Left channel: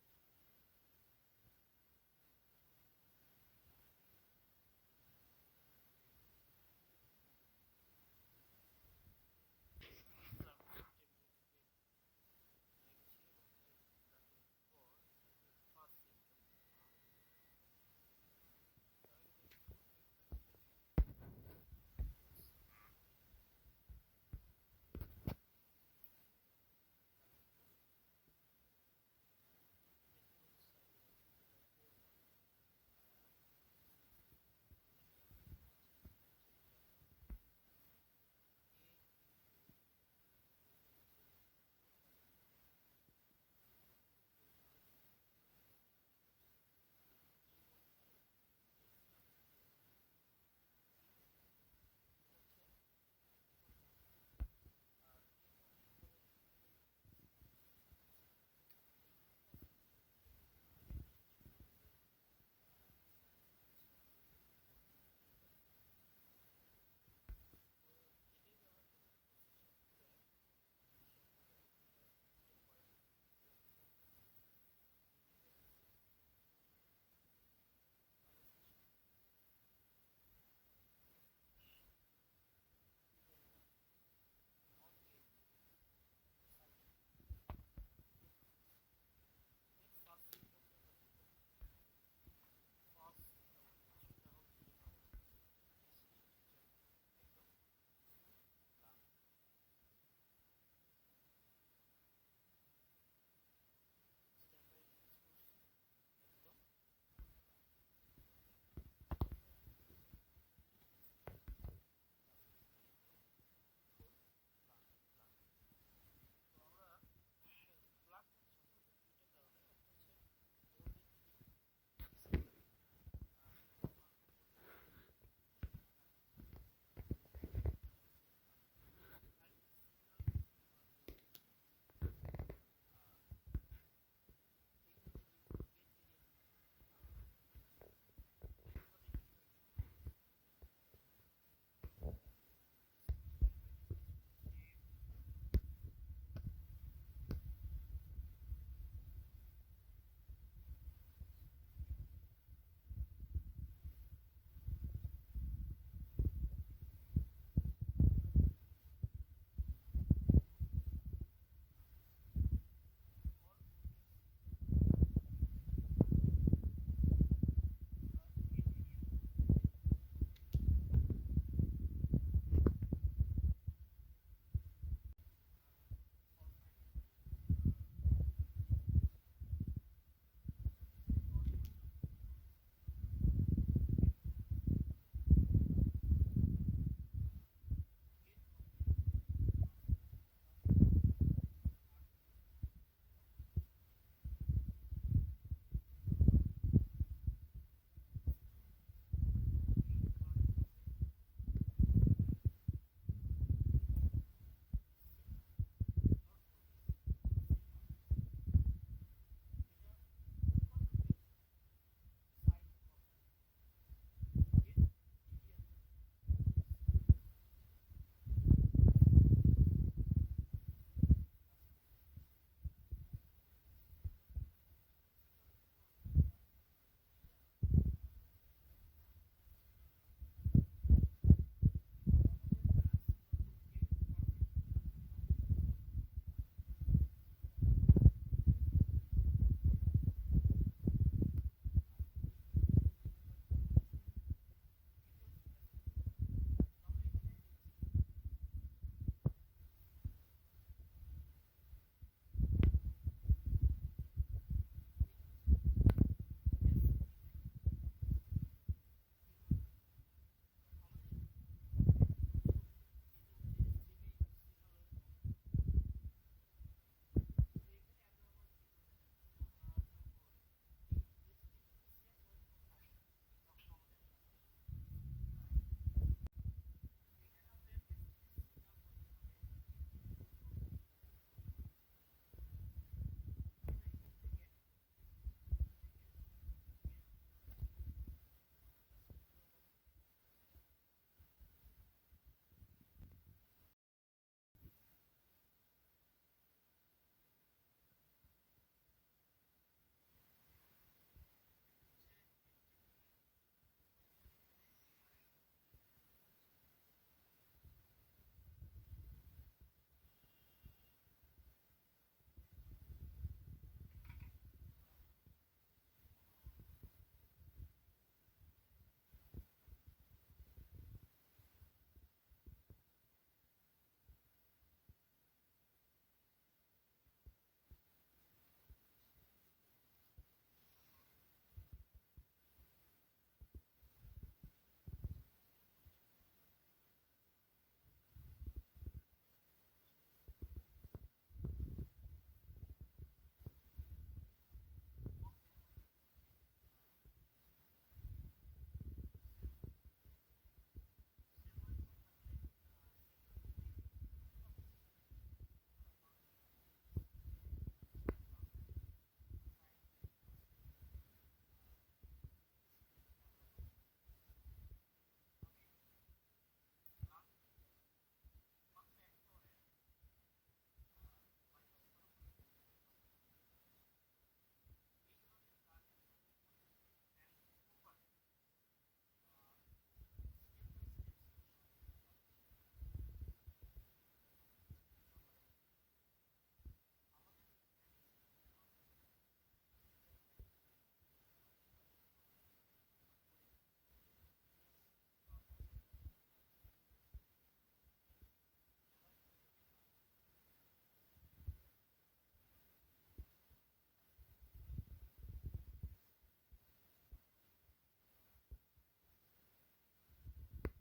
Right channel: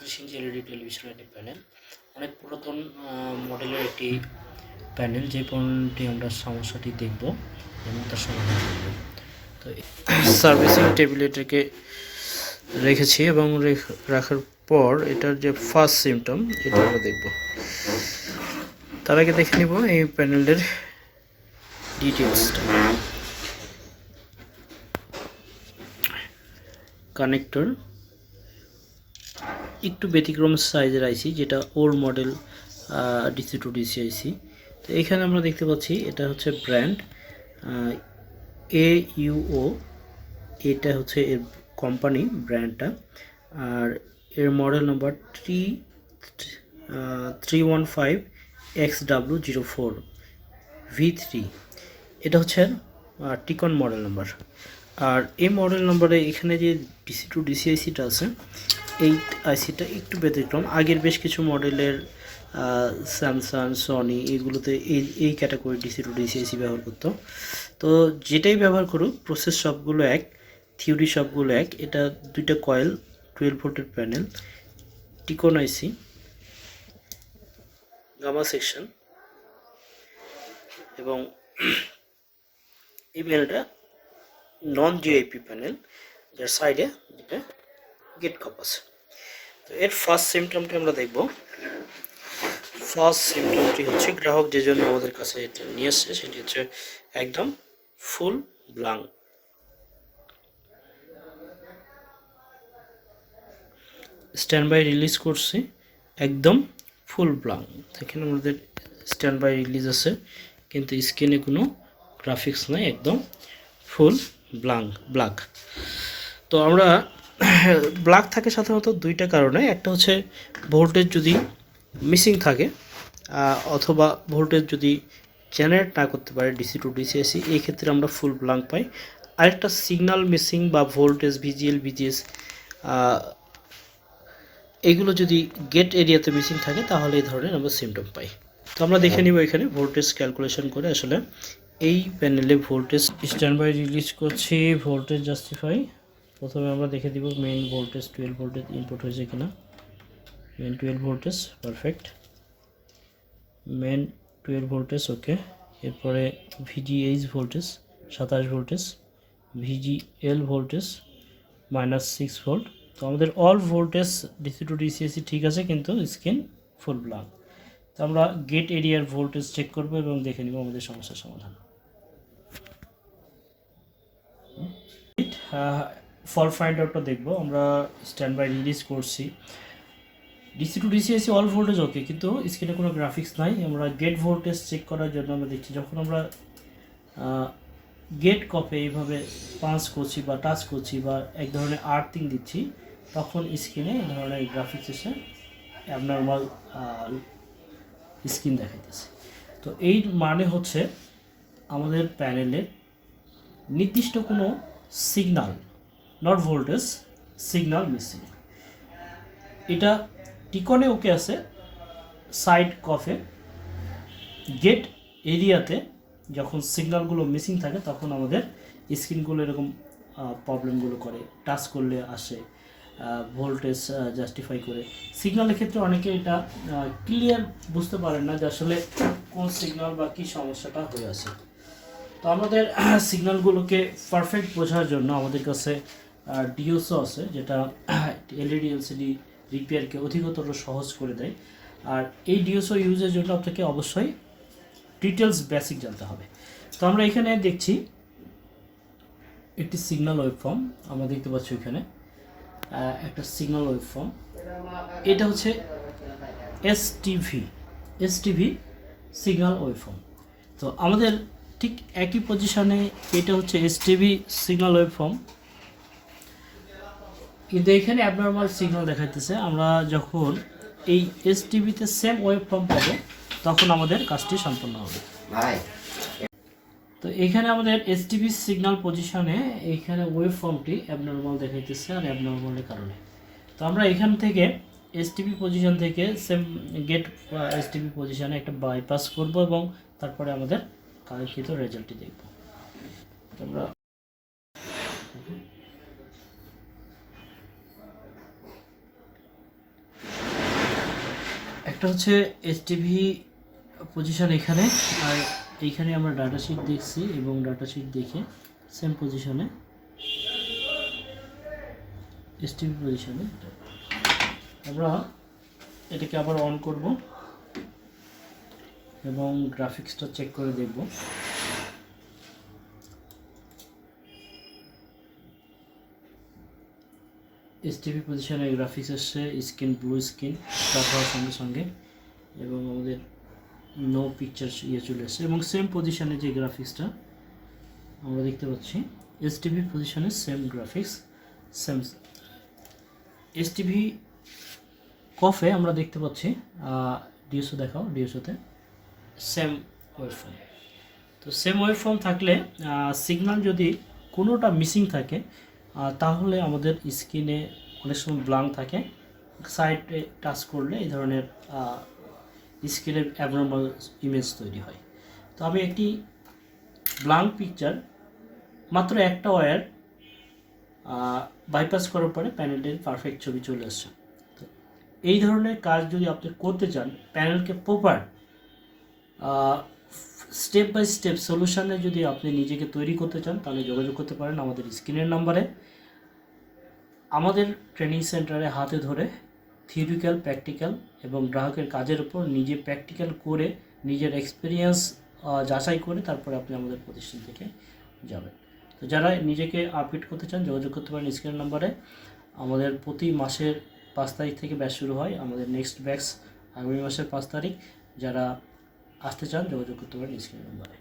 32 inch LED টেলিভিশনের একটি panel, অনেক পুরাতন মডেলের একটি প্যানেল। যে পণ্যটি আমরা সমস্যাটি দেখব এবং তার সমাধান করব। তো সার্ভিসিং টেবিলে এটাকে রেখেছি এবং রাখার পর এটার যে ফার্স্ট সিমটম এটা আমরা দেখব। তার আগে দেখে নিব এই প্যানেলের ডিটেলসটা। কানেক্টর একটু ব্যতিক্রম সাইজের আইসি, যেটা old model DC to DC IC. তো এখানে আমরা দেখতে পাচ্ছি এটা হচ্ছে ব্র্যান্ড AUO, এটা হচ্ছে এর কোম্পানি ব্র্যান্ডটা, আর এর মডেল নাম্বার 315XW04 V3। এটা হচ্ছে টিকন মডেল নাম্বার। আর এই মডেল নাম্বারে এখানে যে ডিসি টু ডিসি আইসিটা আছে, এই আইসিটা একটু ব্যতিক্রম। আগের বেশ কিছু মডেলের স্যামসাং, সনি এগুলোতে এই ক্যাটাগরি ডিসি টু ডিসি আইসি ব্যবহার করতো। তো যেটাই ব্যবহার করুক, প্রসেস সবগুলো এক, থিওরি সবগুলো এক। এটা দুইটা কয়েল, 12 ভোল্টের প্যানেল, টিকন আইসি, গামা সেকশন, এবং এই প্যানেলটা নন জিআইপি প্যানেল, যার সাইডে দুটো গেট কাপ আছে। তো এর ফার্স্ট সিমটমটি আমরা দেখব। ফার্স্ট সিমটমটি হচ্ছে গ্রাহক যে জন্য আমাদের কাছে এটা নিয়ে আসছে সেটি হচ্ছে একদম ফুল ব্লাঙ্ক। স্ট্যান্ড বাই রিলিজ করছি, একদম ফুল ব্লাঙ্ক। দেখেন আমাদের স্ট্যান্ড বাই রিলিজ আছে, কিন্তু স্ক্রিনে কোনো গ্রাফিক্স নাই, একদম ফুল ব্ল্যাক। তো আমরা ব্ল্যাক থাকে সাধারণত দুইটা কারণে। একটা হচ্ছে ভোল্টেজ যদি মিসিং থাকে, অথবা ভোল্টেজ যদি জেনারেট না করতে পারে ডিসি টু ডিসি এসি, এই ক্ষেত্রে আমরা ফুল ব্ল্যাঙ্ক পাই। আরেকটা সিগন্যাল মিসিং বা ভোল্টেজ ভিজিএল ভিজিএস এইগুলো যদি গেট এরিয়াতে মিসিং থাকে, তাহলে এই ধরনের আমরা সিমটম পাই। তো আমরা দেখে নিব এখানে ভোল্টেজ ক্যালকুলেশন করে আসলে এই প্যানেলে ভোল্টেজ স্ট্যান্ড বাই রিলিজ করছি, ভোল্টেজ জাস্টিফাই। প্রথমে আমরা দেখে দিব মেইন ভোল্টেজ 12 ভোল্টেজ ইনপুট হয়েছে কিনা। Main 12 voltage, perfect. Main 12 voltage, okay. এরপরে VGH voltage 27 voltage, VGL voltage -6 volt. তো আমাদের all voltage DC to DC AC ঠিক আছে, কিন্তু স্ক্রিন ফুল ব্ল্যাঙ্ক। তো আমরা গেট এরিয়ার ভোল্টেজ চেক করব এবং দেখে নিব আমাদের সমস্যার সমাধান। ফল্ট ফাইন্ড আউটটা দেখব। আমরা স্ট্যান্ড বাই রিলিজ করছি, ডিসি টু ডিসিএসি অল ভোল্টেজ ওকে, কিন্তু স্ক্রিনে কোনো গ্রাফিক্স নাই। আমরা গেট ভোল্টেজ চেক করার জন্য আমরা দেখছি, যখন আমরা গেট কপে এইভাবে পাঞ্চ করছি বা টাচ করছি বা এক ধরনের আর্থিং দিচ্ছি, তখন স্ক্রিনে এই ধরনের গ্রাফিক্স এসে অ্যাবনর্মাল স্ক্রিন দেখাইতেছে। তো এই মানে হচ্ছে আমাদের প্যানেলের নির্দিষ্ট কোনো signal, not voltage, signal missing. এটা টিকনে ওকে আছে, সাইড কফে গেট এরিয়াতে যখন সিগন্যালগুলো মিসিং থাকে, তখন আমাদের স্ক্রিনগুলো এরকম প্রবলেমগুলো করে। টাচ করলে আসে, ভোল্টেজ জাস্টিফাই করে। সিগন্যালের ক্ষেত্রে অনেকে এটা ক্লিয়ার বুঝতে পারেন না যে আসলে কোন সিগন্যাল বা কী সমস্যাটা হয়ে আছে। তো আমাদের সিগন্যালগুলোকে পারফেক্ট বোঝার জন্য আমাদের কাছে ডিওসও আছে, যেটা এলইডি এলসিডি রিপেয়ারকে অধিকতর সহজ করে দেয়। আর এই ডিওসও ইউজের জন্য আপনাকে অবশ্যই ডিটেলস বেসিক জানতে হবে। তো আমরা এখানে দেখছি একটি সিগন্যাল ওয়েবফর্ম, আমরা দেখতে পাচ্ছি এখানে একটা সিগন্যাল ওয়েবফর্ম। এটা হচ্ছে এসটিভি সিগন্যাল ওয়েবফর্ম। তো আমাদের ঠিক একই পজিশনে এটা হচ্ছে এসটিভি সিগন্যাল ওয়েবফর্ম, কিন্তু এখানে অ্যাবনর্মাল সিগন্যাল দেখাইতেছে। আমরা যখন এই এসটিভিতে সেম ওয়েবফর্ম পাবো, তখন আমাদের কাজটি সম্পন্ন হবে। তো এখানে আমাদের এসটিভি সিগন্যাল পজিশনে এইখানে ওয়েবফর্মটি অ্যাবনর্মাল দেখাইতেছে, আর অ্যাবনর্মালের কারণে। তো আমরা এখান থেকে এসটিভি পজিশন থেকে সেম গেট এসটিভি পজিশনে একটা বাইপাস করব এবং তারপরে আমাদের কাঙ্ক্ষিত রেজাল্টটি দেখব। আমরা একটা হচ্ছে এইচটিভি পজিশন এখানে, আর এইখানে আমরা ডাটা শিট দেখছি এবং ডাটা শিট দেখে সেম পজিশনে এইচটিভি পজিশনে আমরা এটাকে আবার অন করব এবং গ্রাফিক্সটা চেক করে দেখব। এইচটিভি পজিশনে গ্রাফিক্স আসছে স্ক্রিন ব্লু স্ক্রিন স্টার্ট হওয়ার সঙ্গে সঙ্গে, এবং আমাদের নো পিকচার চলে আসছে এবং সেম পজিশনে যে গ্রাফিক্সটা আমরা দেখতে পাচ্ছি এইচটিভি পজিশনে same graphics same. HTV coffee আমরা দেখতে পাচ্ছি ডিএসও দেখাও, ডিএসওতে সেম ওয়েভফর্ম। তো সেম ওয়েভফর্ম থাকলে সিগন্যাল যদি কোনোটা মিসিং থাকে তাহলে আমাদের স্ক্রিনে অনেক সময় ব্লাঙ্ক থাকে, সাইডে টাচ করলে এই ধরনের স্ক্রিনের অ্যাবনর্মাল ইমেজ তৈরি হয়। তো আমি একটি ব্লাঙ্ক পিকচার মাত্র একটা ওয়্যার বাইপাস করার পরে প্যানেলের পারফেক্ট ছবি চলে আসছে। তো এই ধরনের কাজ যদি আপনি করতে চান, প্যানেলকে প্রপার স্টেপ বাই স্টেপ সলিউশনে যদি আপনি নিজেকে তৈরি করতে চান তাহলে যোগাযোগ করতে পারেন আমাদের স্ক্রিনের নাম্বারে। আমাদের ট্রেনিং সেন্টারে হাতে ধরে থিওরিক্যাল, প্র্যাকটিক্যাল এবং গ্রাহকের কাজের উপর নিজে প্র্যাকটিক্যাল করে নিজের এক্সপিরিয়েন্স যাচাই করে তারপরে আপনি আমাদের প্রতিষ্ঠান থেকে যাবেন। তো যারা নিজেকে আপডেট করতে চান যোগাযোগ করতে পারেন স্ক্রিনের নাম্বারে। আমাদের প্রতি মাসের 5 তারিখ থেকে ব্যাচ শুরু হয়, আমাদের নেক্সট ব্যাচ আগামী মাসের 5 তারিখ। যারা আসতে চান যোগাযোগ করতে পারেন স্ক্রিনের নাম্বারে।